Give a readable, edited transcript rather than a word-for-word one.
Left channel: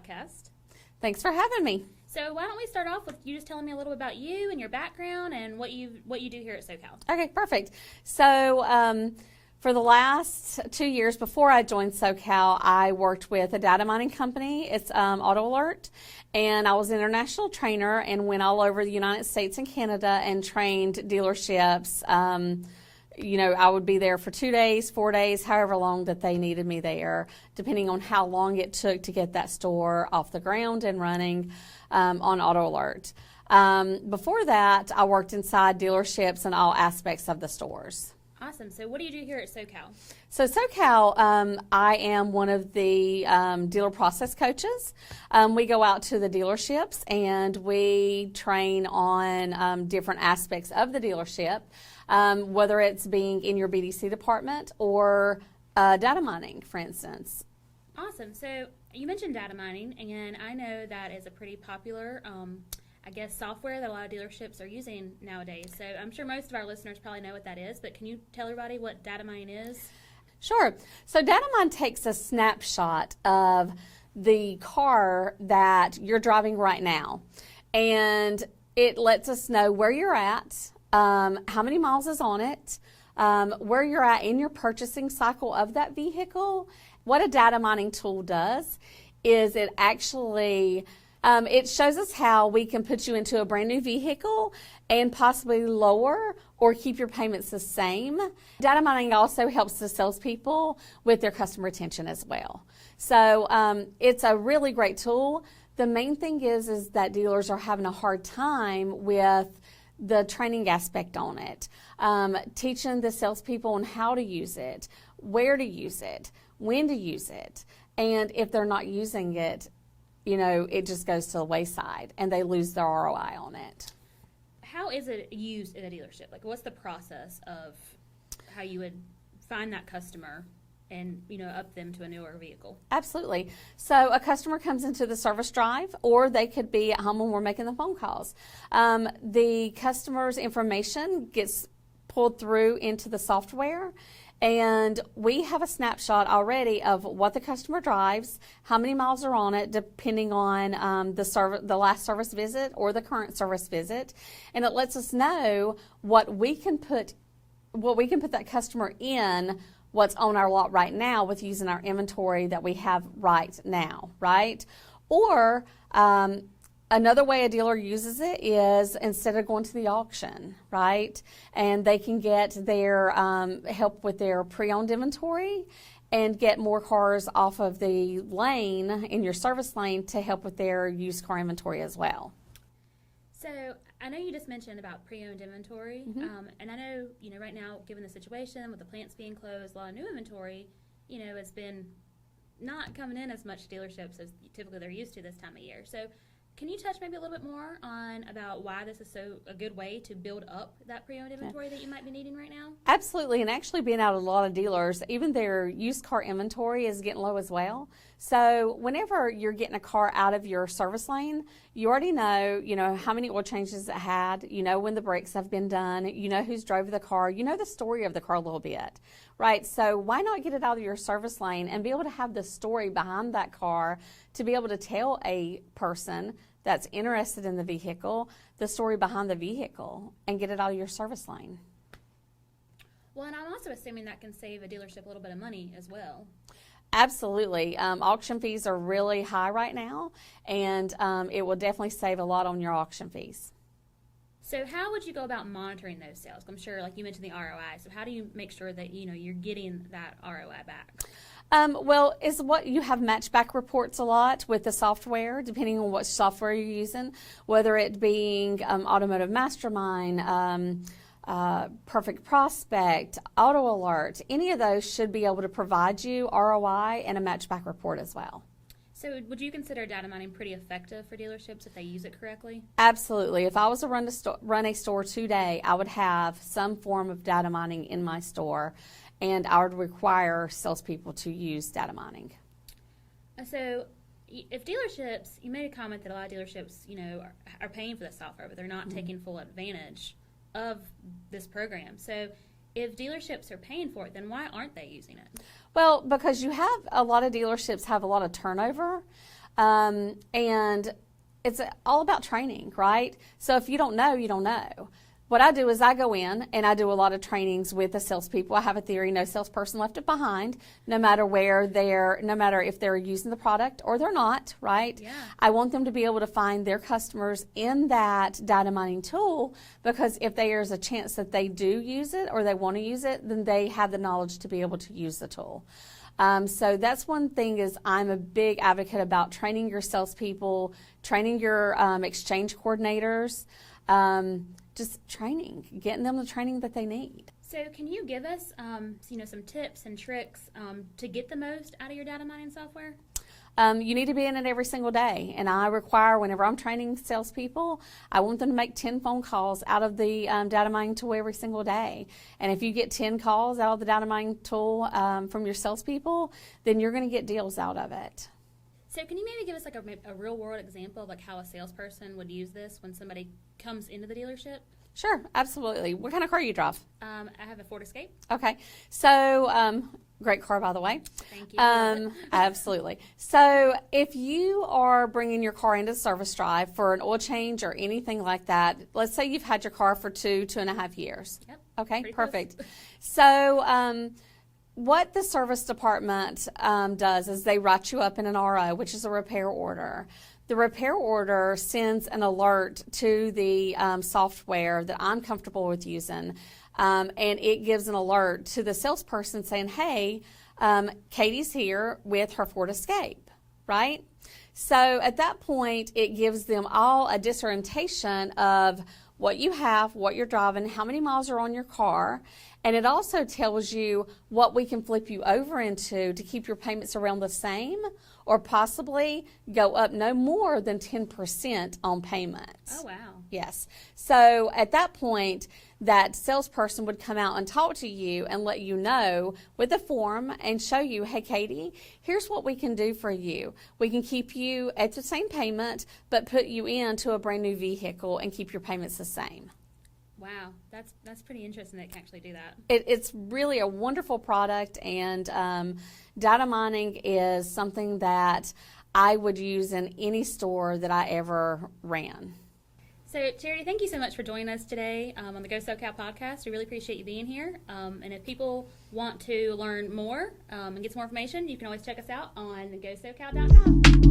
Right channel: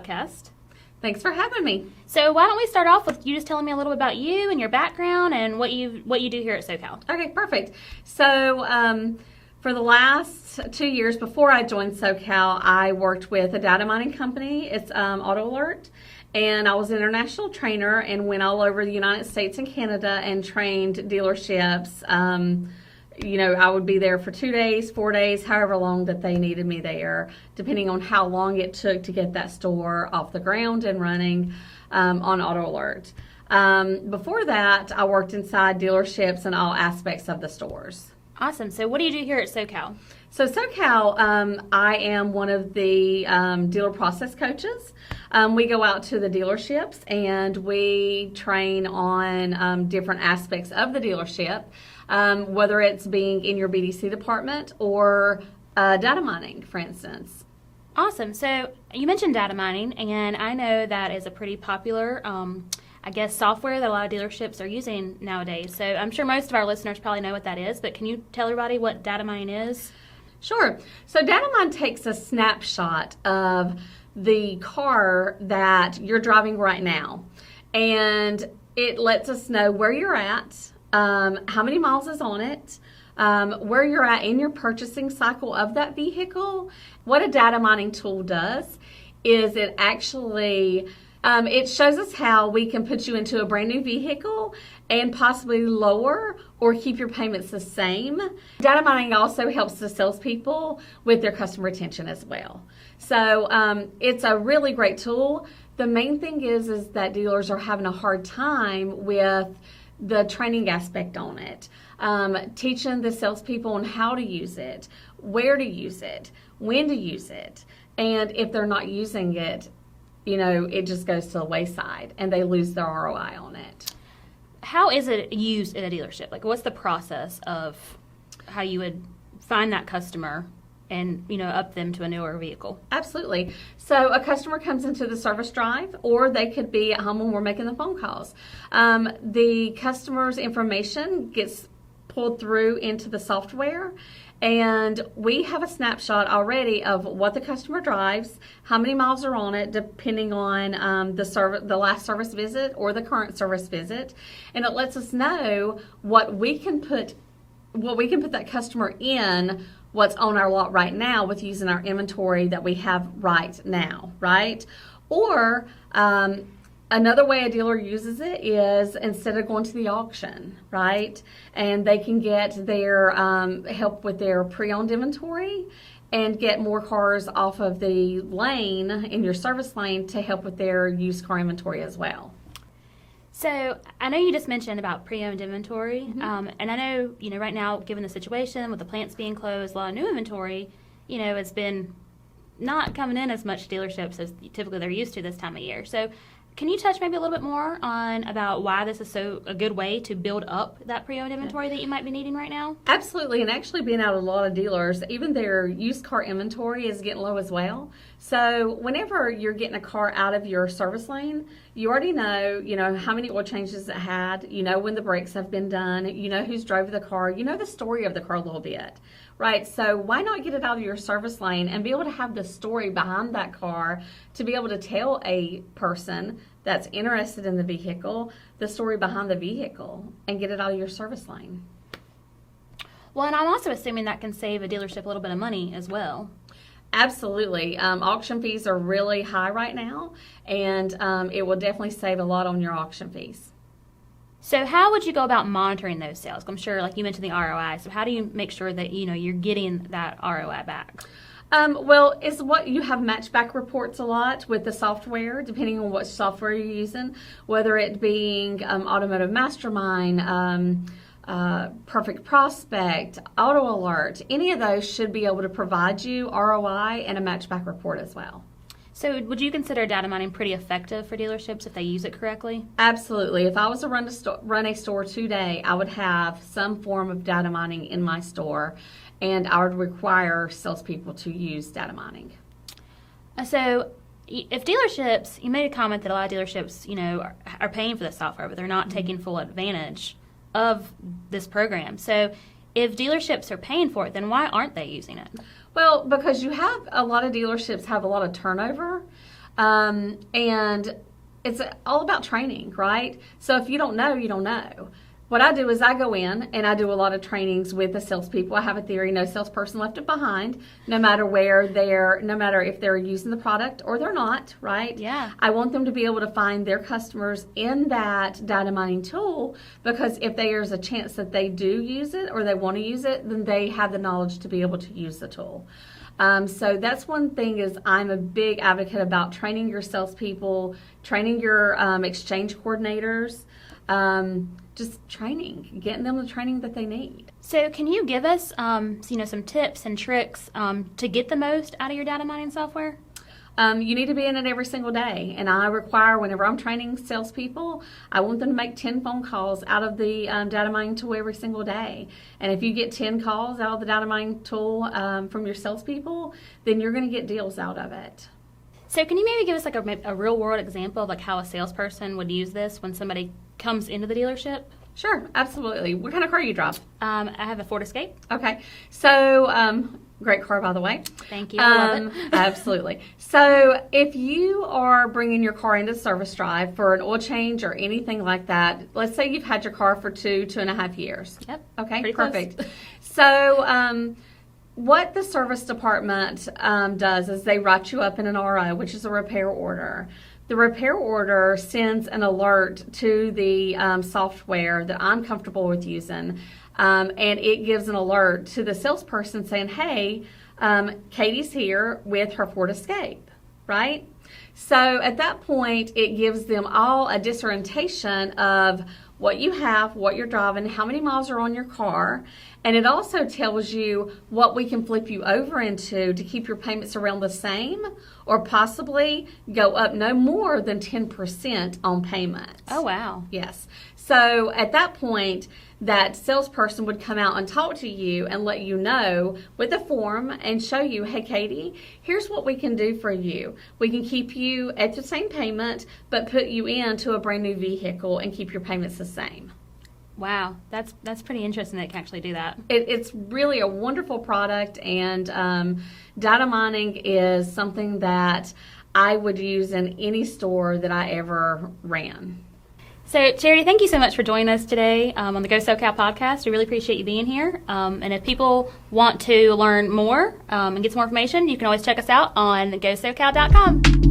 podcast. Thanks for having me. So why don't we start off with you just telling me a little bit about you and your background and what you do here at Sokal. Okay, perfect. So for the last 2 years before I joined Sokal, I worked with a data mining company. It's Auto Alert. And I was an international trainer and went all over the United States and Canada and trained dealerships. I would be there for 2 days, 4 days, however long that they needed me there, depending on how long it took to get that store off the ground and running on Auto Alert. Before that, I worked inside dealerships and all aspects of the stores. Awesome. So what do you do here at Sokal? So Sokal, I am one of the dealer process coaches. We go out to the dealerships and we train on different aspects of the dealership, whether it's being in your BDC department or data mining, for instance. Awesome. So you mentioned data mining, and I know that is a pretty popular software that a lot of dealerships are using nowadays. So I'm sure most of our listeners probably know what that is, but can you tell everybody what data mining is? Sure. So data mine takes a snapshot of the car that you're driving right now, and it lets us know where you're at, how many miles is on it, where you're at in your purchasing cycle of that vehicle. What a data mining tool does is it actually it shows us how we can put you into a brand new vehicle and possibly lower or keep your payments the same. Data mining also helps the salespeople with their customer retention as well. So it's a really great tool. The main thing is that dealers are having a hard time with the training aspect on it, teaching the salespeople on how to use it, where to use it, when to use it, and if they're not using it, it just goes to the wayside and they lose their ROI on it. How is it used at a dealership? Like, what's the process of how you would find that customer and, up them to a newer vehicle? Absolutely. So a customer comes into the service drive, or they could be at home when we're making the phone calls. The customer's information gets pulled through into the software, and we have a snapshot already of what the customer drives, how many miles are on it, depending on the last service visit or the current service visit, and it lets us know what we can put that customer in, what's on our lot right now with using our inventory that we have right now, right? Or another way a dealer uses it is instead of going to the auction, right? And they can get their help with their pre-owned inventory and get more cars off of the lane in your service lane to help with their used car inventory as well. So I know you just mentioned about pre-owned inventory, Mm-hmm. And I know, right now, given the situation with the plants being closed, a lot of new inventory, has been not coming in as much dealerships as typically they're used to this time of year. So can you touch maybe a little bit more on about why this is a good way to build up that pre-owned inventory that you might be needing right now? Absolutely, and actually being out of a lot of dealers, even their used car inventory is getting low as well. So whenever you're getting a car out of your service lane, you already know, how many oil changes it had, when the brakes have been done, who's drove the car, the story of the car a little bit, right? So why not get it out of your service lane and be able to have the story behind that car to be able to tell a person that's interested in the vehicle, the story behind the vehicle, and get it out of your service lane. Well, and I'm also assuming that can save a dealership a little bit of money as well. Absolutely. Auction fees are really high right now, and it will definitely save a lot on your auction fees. So how would you go about monitoring those sales? I'm sure, like you mentioned, the ROI. So how do you make sure that, you're getting that ROI back? Is what you have matchback reports a lot with the software, depending on what software you're using, whether it being Automotive Mastermind, Perfect Prospect, Auto Alert. Any of those should be able to provide you ROI and a matchback report as well. So would you consider data mining pretty effective for dealerships if they use it correctly? Absolutely. If I was to run a store today, I would have some form of data mining in my store, and I would require salespeople to use data mining. So if dealerships, you made a comment that a lot of dealerships, are paying for the software, but they're not taking full advantage of this program. So if dealerships are paying for it, then why aren't they using it? Well, because you have a lot of dealerships have a lot of turnover. And it's all about training, right? So if you don't know, you don't know. What I do is I go in and I do a lot of trainings with the salespeople. I have a theory, no salesperson left behind, no matter if they're using the product or they're not, right? Yeah. I want them to be able to find their customers in that data mining tool, because if there's a chance that they do use it or they want to use it, then they have the knowledge to be able to use the tool. So that's one thing, is I'm a big advocate about training your salespeople, training your exchange coordinators, just getting them the training that they need. So can you give us, some tips and tricks to get the most out of your data mining software? You need to be in it every single day. And I require, whenever I'm training salespeople, I want them to make 10 phone calls out of the data mining tool every single day. And if you get 10 calls out of the data mining tool from your salespeople, then you're going to get deals out of it. So can you maybe give us like a real world example of like how a salesperson would use this when somebody comes into the dealership? Sure, absolutely. What kind of car do you drive? I have a Ford Escape. Okay. So, great car, by the way. Thank you. I love it. Absolutely. So if you are bringing your car into service drive for an oil change or anything like that, let's say you've had your car for 2.5 years. Yep. Okay, Pretty perfect. close. So what the service department does is they write you up in an RO, which is a repair order. The repair order sends an alert to the software that I'm comfortable with using, and it gives an alert to the salesperson saying, hey, Katie's here with her Ford Escape, right? So at that point, it gives them all a disorientation of what you have, what you're driving, how many miles are on your car, and it also tells you what we can flip you over into to keep your payments around the same, or possibly go up no more than 10% on payments. Oh, wow. Yes. So at that point, that salesperson would come out and talk to you and let you know with a form and show you, hey, Katie, here's what we can do for you. We can keep you at the same payment, but put you into a brand new vehicle and keep your payments the same. Wow, that's pretty interesting that it can actually do that. It's really a wonderful product, and data mining is something that I would use in any store that I ever ran. So, Charity, thank you so much for joining us today on the Go Sokal podcast. We really appreciate you being here. And if people want to learn more and get some more information, you can always check us out on GoSokal.com.